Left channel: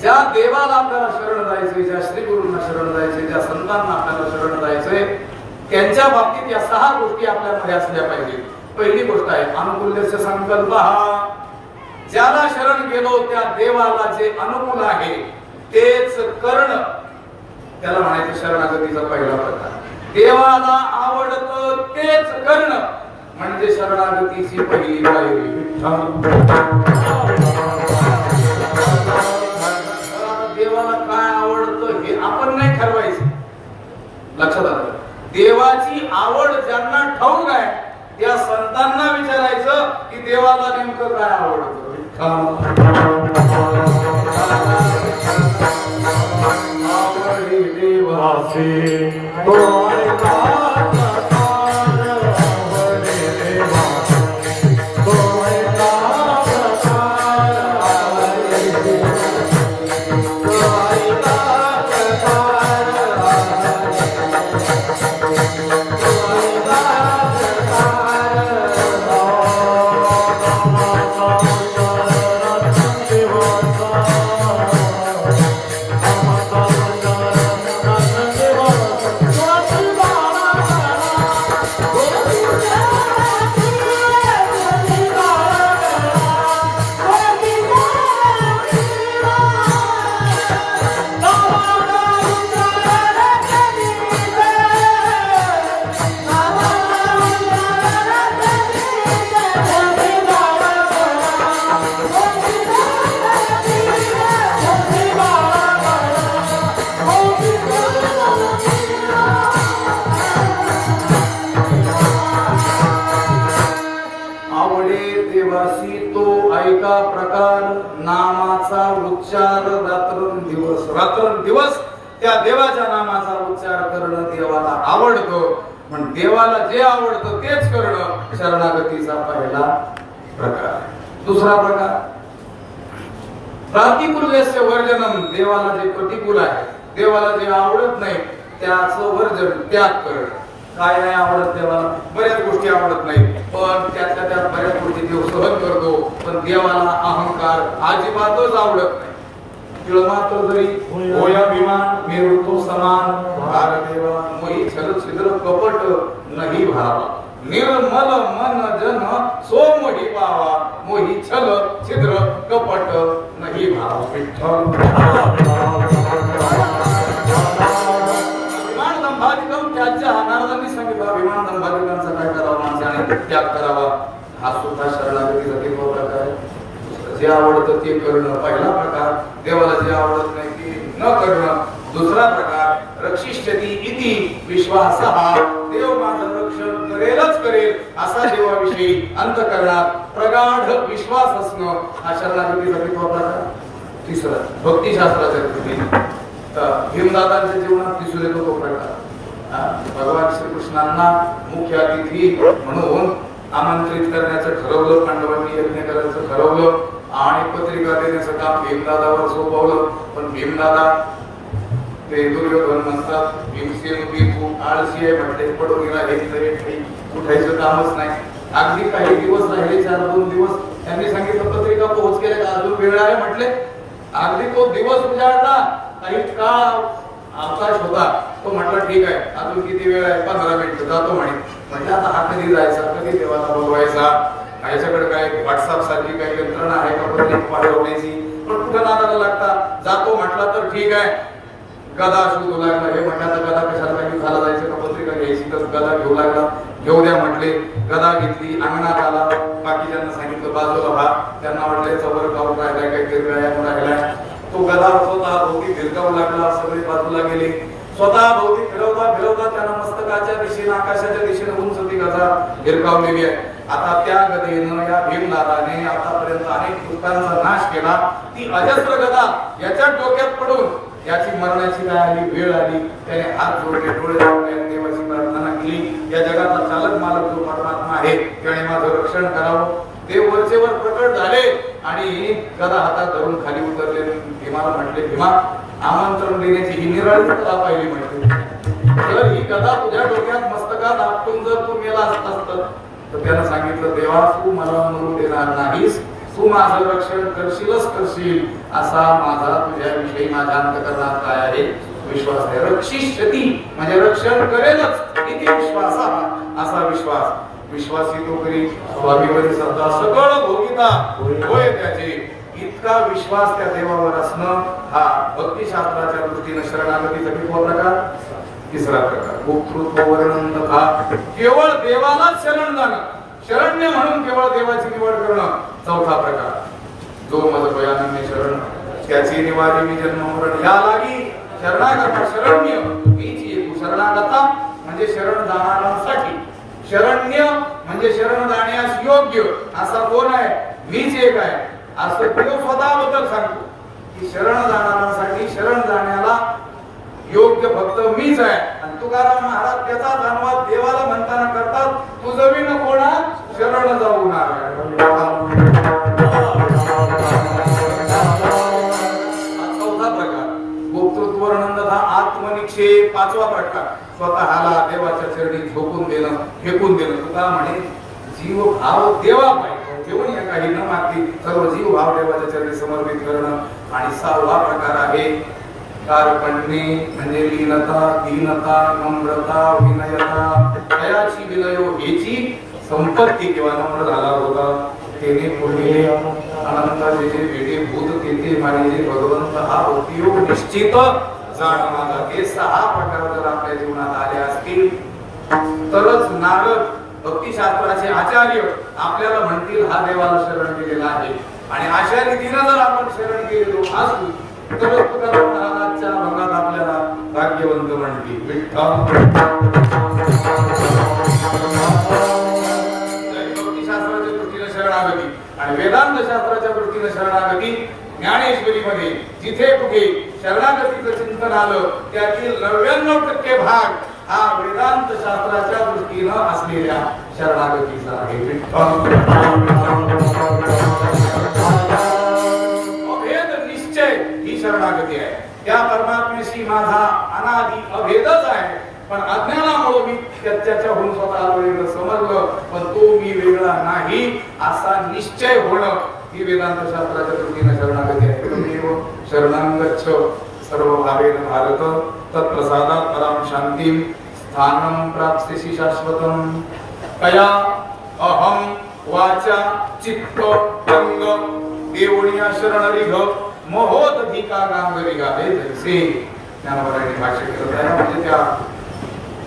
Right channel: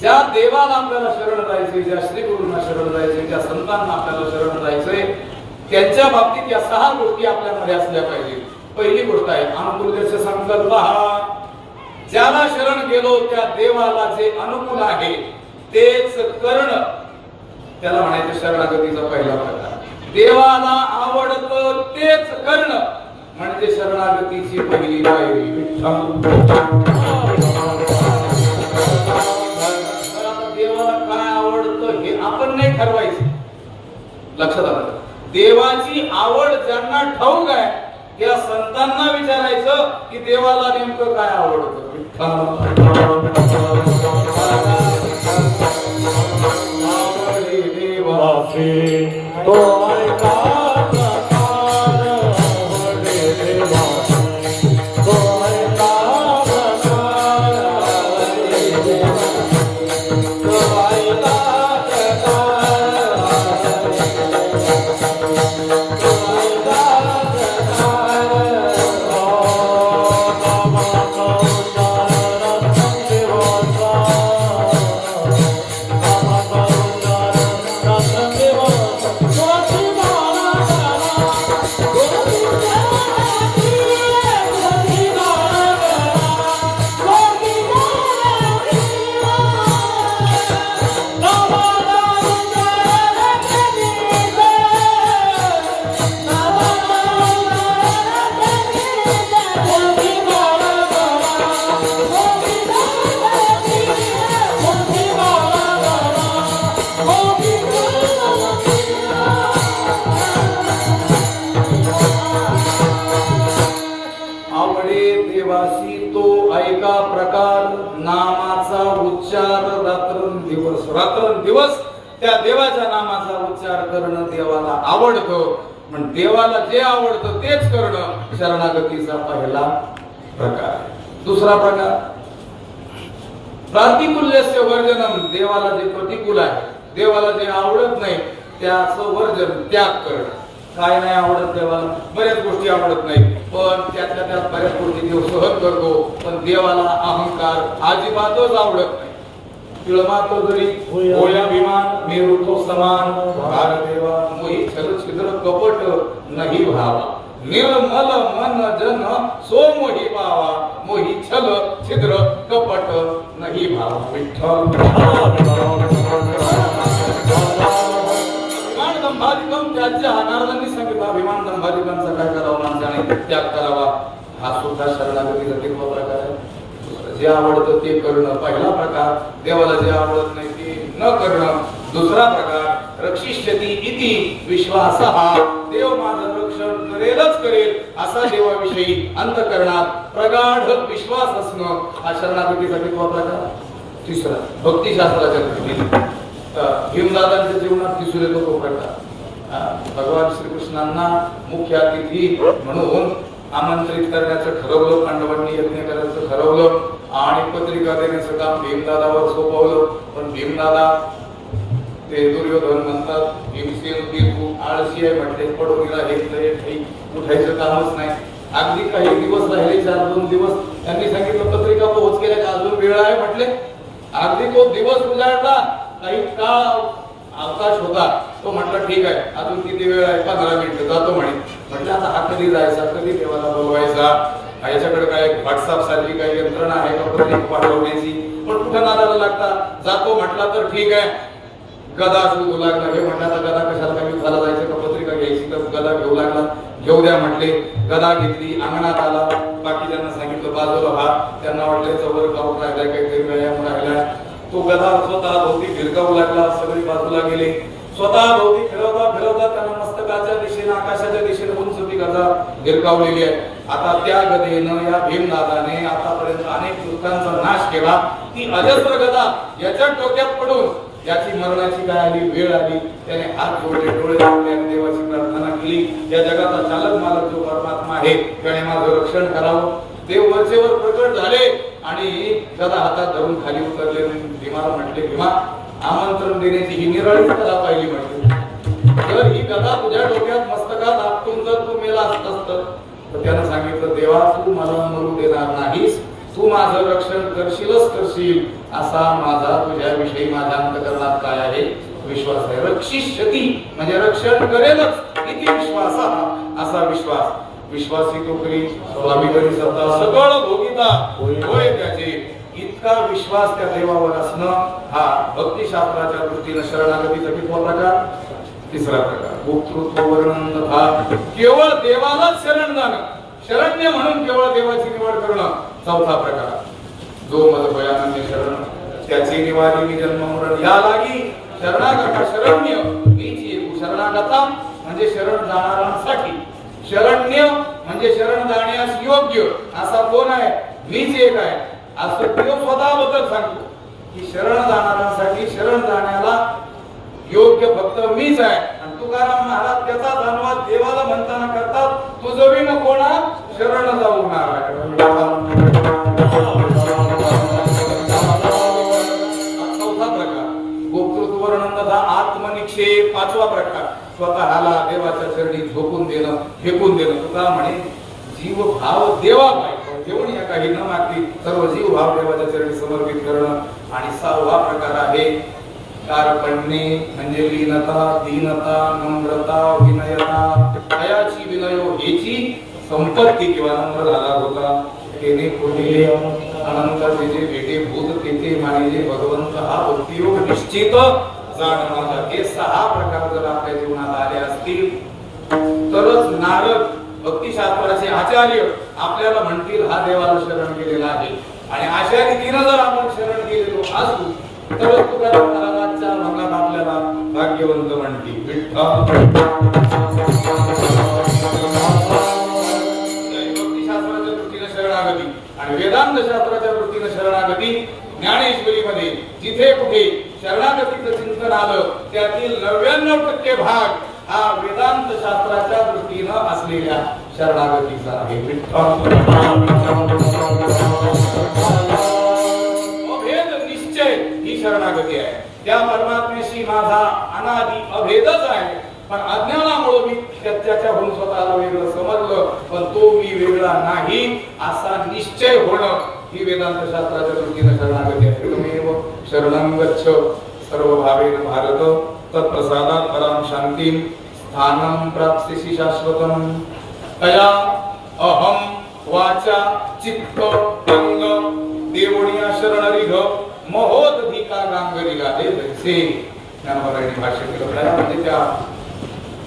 ज्या देवाला आपल्याला शरण जायचे, ज्या श्रीगुरूंना शरण जायचे, ज्या संतांना आपल्याला शरण जायचे, त्यांच्या बाबतीत या 6 गोष्टी आपल्यामध्ये असल्या पाहिजे. पहिली गोष्ट आहे अनुकूल्यस्य संकल्प. ज्याला शरण गेलो त्या देवाला जे अनुकूल आहे तेच करणं, त्याला म्हणायचं शरणागतीचा पहिला प्रकार. देवाला आवडतं तेच करणं म्हणजे शरणागतीची पहिली पायरी. देवाला काय आवडतं हे आपण नाही ठरवायचं. लक्षात आलं? देवाची आवड ज्यांना ठाऊक आहे त्या संतांना विचारायचं की देवाला नेमकं काय आवडतं. रात्रंदिवस त्या देवाच्या नामाचा उच्चार करणं देवाला आवडतं. पण देवाला जे आवडतं तेच करणं शरणागतीचा पहिला प्रकार. दुसरा प्रकार प्रतिकूल्यस्य वर्जनम. देवाला जे प्रतिकूल आहे, देवाला जे आवडत नाही त्याचं वर्जन, त्याग करणं. काय नाही आवडत देवाला, बऱ्याच गोष्टी आवडत नाही, पण त्यातल्या त्यात बऱ्याच गोष्टी देव सहन करतो. पण देवाला अहंकार अजिबातच आवडत नाही. अभिमान मेरुतो समान भारदेवा मोहि छल छिद्र कपट नहीं भावा. निर्मल मन जन सो मोहि पावा. मोहि छल छिद्र कपट नहीं भावा. विठ्ठल अभिमान दंभादिकम त्याच्या अनार्दांनी सांगितलं. अभिमान दंभादिकांचा काय करावा, माणसाने त्याग करावा. हा सुद्धा शरणागतीसाठी तो प्रकार आहे. जे आवडतं ते करणं पहिला प्रकार. देवाला जे आवडत नाही ते न करणं दुसरा प्रकार. रक्षिष्यति इति विश्वासः. देव माझं रक्षण करेलच करेल असा देवाविषयी अंतःकरणात प्रगाढ विश्वास असणं हा शरणागतीसाठी तो प्रकार. तिसरा भक्तिशास्त्राच्या दृष्टीने भीमदादांच्या जीवनात दिसून येतो तो प्रकार. भगवान श्रीकृष्णांना मुख्य अतिथी म्हणून आमंत्रित करण्याचं ठरवलं, पांडवांनी यज्ञ करायचं ठरवलं आणि पत्रिका देण्याचं काम भीमदादावर सोपवलं. पण भीमदादा ते दुर्योधन म्हणतात भीमसेन खूप आळशी आहे म्हटले, पडून गेला हे उठायचं कामच नाही. अगदी काही दिवस राहिले, 4-2 दिवस. त्यांनी सांगितलं पत्रिका पोहोच केल्या का अजून वेळ आहे म्हटले. अगदी तो दिवस उजाडला, काही काळ अवकाश होता. तो म्हटलं ठीक आहे अजून किती वेळ आहे, 15 मिनिटं जातो म्हणे. म्हटलं आता हा कधी जायचा, कधी देवाला बोलवायचा. याच्याकडे काय व्हॉट्सअप सारखी काही यंत्रणा आहे का पत्रिका पाठवण्याची. पण कुठं नारायला लागता. जातो म्हटला तर ठीक आहे. गदा शोधू लागला. हे म्हटलं तर गदा कशाला काही झाला जायचं का पत्रिका घ्यायची. तर गदा घेऊ लागला. घेऊ द्या म्हटले. गदा घेतली, अंगणात आला. बाकीच्यांना सांगितलं बाजूला व्हा. त्यांना वाटलं जवळ गाव राहिलाय, काहीतरी व्यायाम राहिलाय. तो गदा स्वतः भोवती फिरकावू लागला. सगळे बाजूला गेले. स्वतः भोवती फिरवता फिरवता त्यांना मस्तकाच्या दिशेने, आकाशाच्या दिशेने उंच ती गदा फिरकावलेली आहे. आता त्या गदेनं या भीमदादाने आतापर्यंत अनेक दुष्टांचा नाश केला. ती अजस्र गदा याच्या डोक्यात पडून याची मरणाची काय आली, वेळ आली. त्याने हात जोडले, डोळे लावले, देवाची प्रार्थना केली. या जगाचा चालक मालक जो परमात्मा आहे त्याने माझं रक्षण करावं. देव वरचेवर प्रकट झाले आणि गदा हातात धरून खाली उतरले. भीमाला म्हटले, भीमा आमंत्रण देण्याची ही निराळी तुला पाहिली म्हटले. तर ही गदा तुझ्या डोक्यात मस्तकात आपटून जर तू मेला असतास तर त्याला सांगितलं, देवा तू मला मरू देणार नाहीस, तू माझं रक्षण करशीलच करशील. असा माझा तुझ्याविषयी माझ्या अंतःकरणात काय आहे? विश्वास आहे. रक्षिष्यती म्हणजे रक्षण करेलच, किती विश्वास असा विश्वास. विश्वासी तो करी स्वामीवरी सत्ता सगळं भोगिता होय त्याचे. इतका विश्वास त्या देवावर असणं हा भक्तिशास्त्राच्या दृष्टीने शरणागतीचा कितवा प्रकार? तिसरा प्रकार. भोक्तृत्व वर्णन तथा केवळ देवालाच शरण जाणं, शरण्य म्हणून केवळ देवाची निवड करणं चौथा प्रकार. जो मद भयानंद शरण त्याची निवारी मी जन्म मरण या लागी शरणागत शरण्य मीची एक. शरणागता म्हणजे शरण जाणाऱ्यांसाठी, शरण्य म्हणजे शरण जाण्यास योग्य असा कोण आहे? मीच एक आहे असं देव स्वतःबद्दल सांगतो की शरण जाणाऱ्यांसाठी, शरण जाण्याला योग्य फक्त मीच आहे. आणि तुकाराम महाराज त्याचा धन्यवाद देवाला म्हणताना करतात, तुझं बी नको ना शरण जाऊ नका. चौथा प्रकार भोक्तृत्व वर्णन आत्मनिक्षेप. पाचवा प्रकार स्वतःला देवाच्या चरणी झोपून देणं, फेकून देणं. तुका म्हणे जीव भाव देवा पाहिजे, देवणी काही न मागती सर्व जीव भाव देवाच्या चरणी समर्पित करणं. आणि सहावा प्रकार आहे कारपण्ये म्हणजे लीनता, दीनता, नम्रता, विनयता. दयाची विनयो हेची संपत्ती किंवा नम्र झाला होता तेने पुढे अनंत जे भेटे भूत तेथे मानिले भगवंत हा भक्तियोग निश्चित जाणणारा. हे सहा प्रकार जर आपल्या जीवनात आले असतील तरच नारद भक्तिशास्त्राचे आचार्य आपल्याला म्हणतील हा देवाला शरण केलेला आहे. आणि अशा रीतीने जर आपण शरण केलेलो असू तर तुकाराम महाराजच्या भंगात आपल्याला भाग्यवंत म्हणतील. भक्तिशास्त्राच्या दृष्टीने शरणागती आणि वेदांत शास्त्राच्या दृष्टीने शरणागती. ज्ञानेश्वरीमध्ये जिथे कुठे शरणागतीचं चिंतन आलं त्यातील 99% भाग हा वेदांत शास्त्राच्या दृष्टीने असलेल्या शरणागतीचा आहे. अभेद निश्चय ही शरणागती आहे. त्या परमात्म्याशी माझा अनादि अभेदच आहे, पण अज्ञानामुळे मी त्याच्याहून स्वतःला वेगळं समजलं, पण तो मी वेगळा नाही असा निश्चय होणं ही वेदांत शास्त्राच्या दृष्टीने शरणागती आहे. त्वमेव शरणं गच्छ सर्व भावेन भारत तत्प्रसादात् परां शांतिं स्थानं प्राप्स्यसि शाश्वतं. कया अहम वाचा चित्त अंग देवणिया शरणरिघ महोदधिका गांगरिगा. हे जैसे ज्ञानवरांनी भाष्य केलं आहे. म्हणजे त्या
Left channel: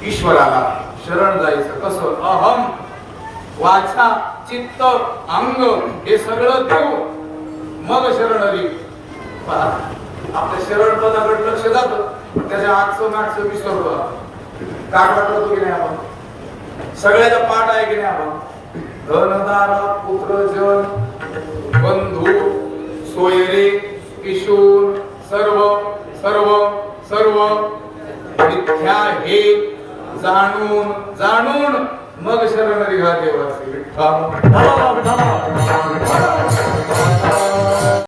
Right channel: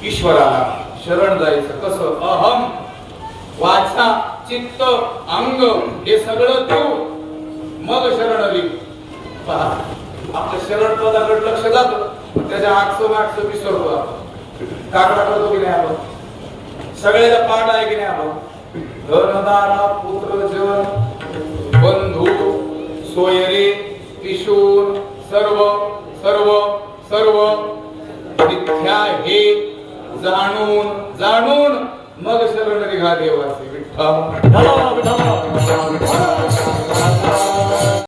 ईश्वराला शरण जायचं कसं? अहम वाचा चित्त अंग हे सगळं देऊ मग शरणरिघ. आपल्या शरण पदाकडे लक्ष जातं, त्याच्या आठशे विसरतो. कागदा करतो की नाही आपण? सगळ्याचा पाठ आहे की नाही आपण? धनदारा पुत्र जन बंधू सोयरे किशोर सर्व सर्व सर्व मिथ्या हे जाणून जाणून मग शरण निघा देवाचे. विठ्ठल